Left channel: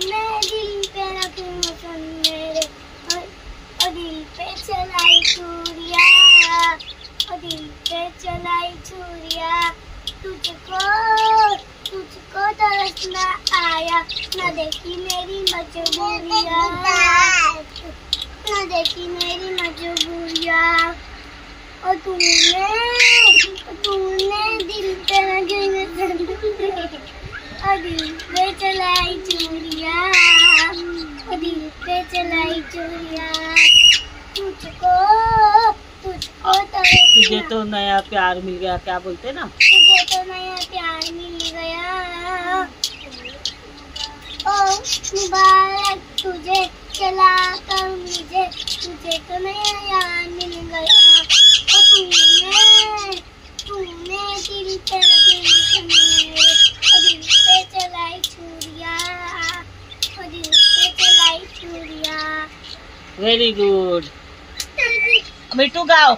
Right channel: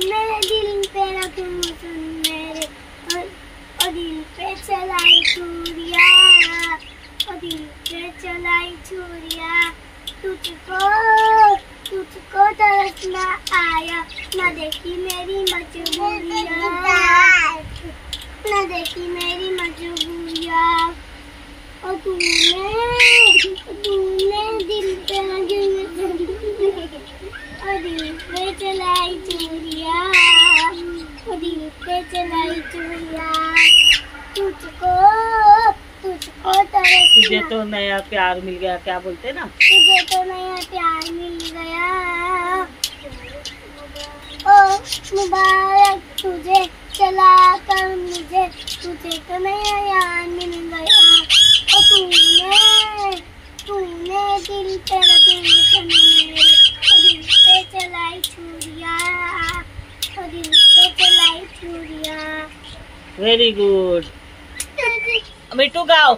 तूने दिल पे रखी मुझन मेरे और दिल पे चलाई छुरिया और दिल पे चलाई छुरिया तुझको तरस ना आया ना देखी मेरी मजबूरिया ना देखी मेरी मजबूरिया और तूने दिल पे लगी और दिल पे चलाई चूड़िया और दिल पे चलाई चूड़िया तुझको तरस तुझे तो नया प्यार मिल गया, क्या बोलते ना, तुझे तो नया प्यार मिल गया ओ मुबारक तुझे चला कर मुझे तुझे तो नया यार मिल गया और तूने दिल पे रखी मेरे और दिल पे चलाई छुरिया और दिल पे चलाई छुरिया। Very good. मिट्टू गाओ।